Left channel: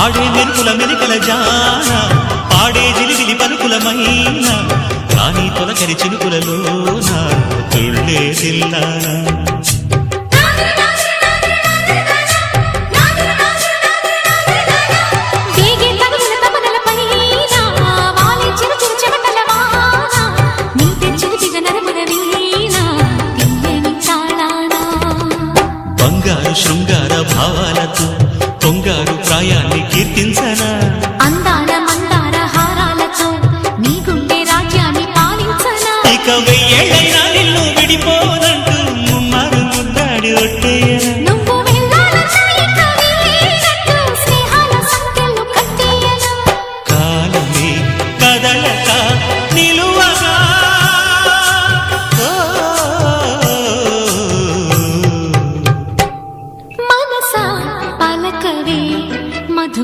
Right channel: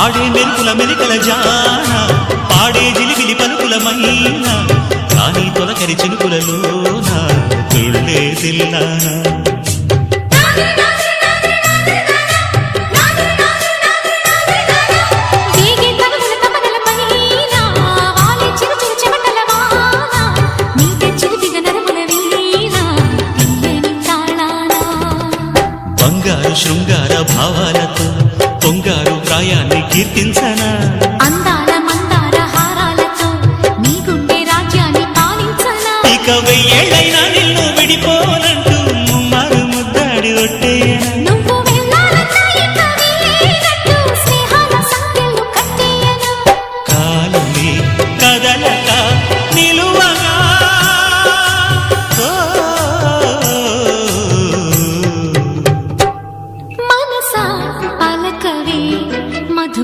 ఆడే మెరుపుల మెలికల జాన పాడే జిలిబిలి పలుకులమైన రాణి తొలకరి చినుకులలోన తుళ్ళే తిల్లానా బంగారు శృంగార భావాలతో పొంగారు ప్రాయాన్ని కీర్తించనా అందాల మందార హారాలతో నీ గుండె రాజ్యాన్ని పాలించనా ఇక 1000 ఏళ్ళైనా నిన్ను విడిపోనంటూ ముమ్మారు ముద్దాడి ఒట్టేయనా